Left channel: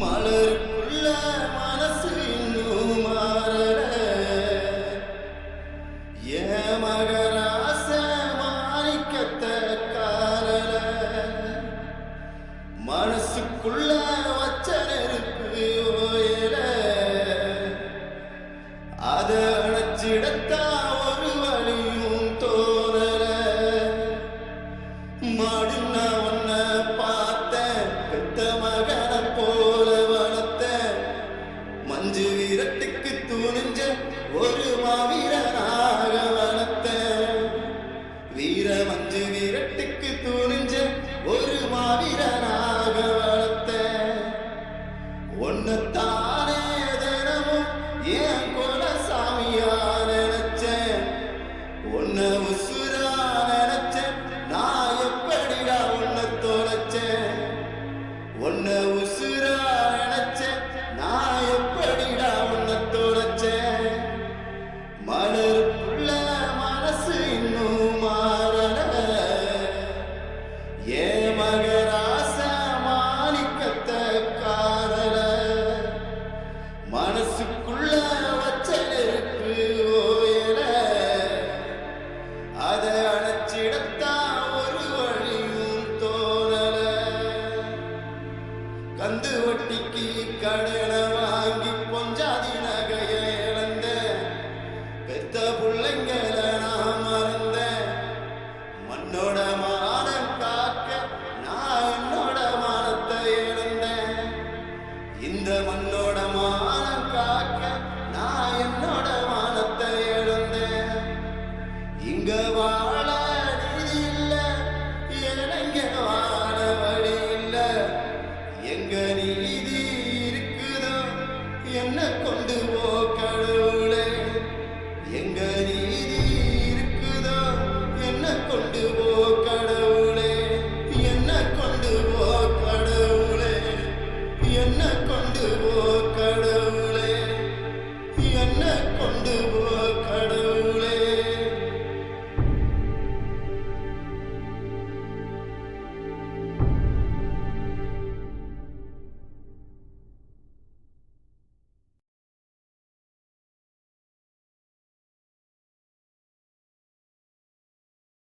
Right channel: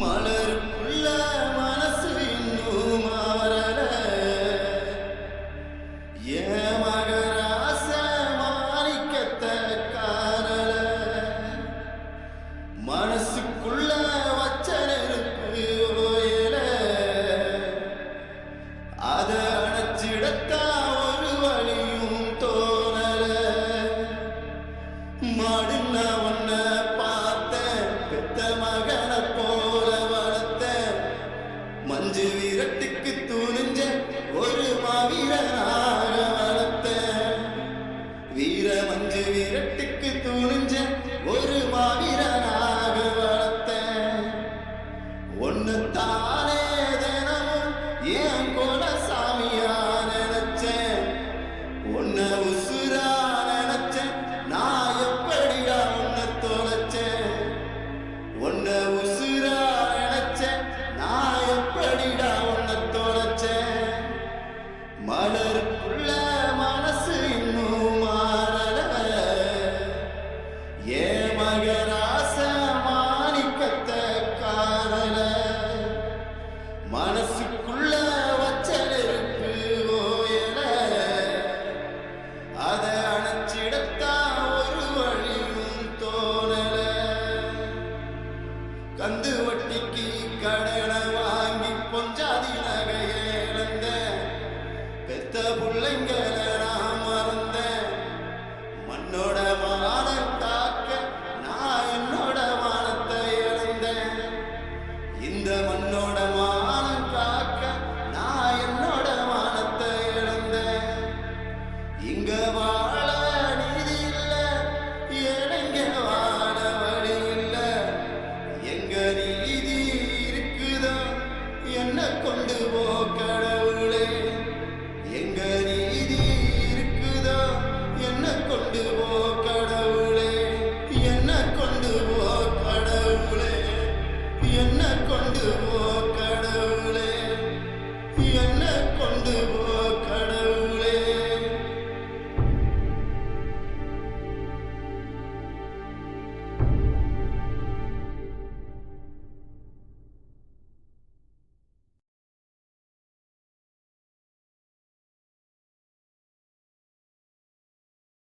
மலருக்குள்ள மனசு இன்னும் மாறல ஏன் மகராச மாணிக்கத்தை காணல மனசுக்குள்ள வச்ச நெருப்பு ஓயல அத அணைச்சிடத்தா ஒரு வழியும் தோணல மாடுன்ன ஒன்ன பார்த்தேன் பெத்த மகனை போல வளர்த்த மஞ்சு வீரட்டுக்கு துணிஞ்ச ஒரு மாவீரனாக வளர்த்த வீர மஞ்சு வீரட்டுக்கு துணிஞ்ச ஒரு மாவீரனாக வளர்த்த ஒன்னத்தானே தினமும் ஏன் கோலசாமியா நினைச்சேன் ஒன்ன உசுரா நினைச்சேன் நான் எப்படிடா உன்னை தொலைச்சேன் உன்னை உசுரா நினைச்சேன் நான் எப்படிடா உன்னை தொலைச்சேன் மலருக்குள்ள மனசு இன்னும் மாறல ஏ மகராச மாணிக்கத்தை காணல மனசுக்குள்ள வச்ச நெருப்பு ஓயல அத அணைச்சிடத்தா ஒரு வழியும் தோணல கந்து வட்டிக்கு கடனை வாங்கி பொஞ்சாதி நகைய இழந்த பெத்த பிள்ளைங்கள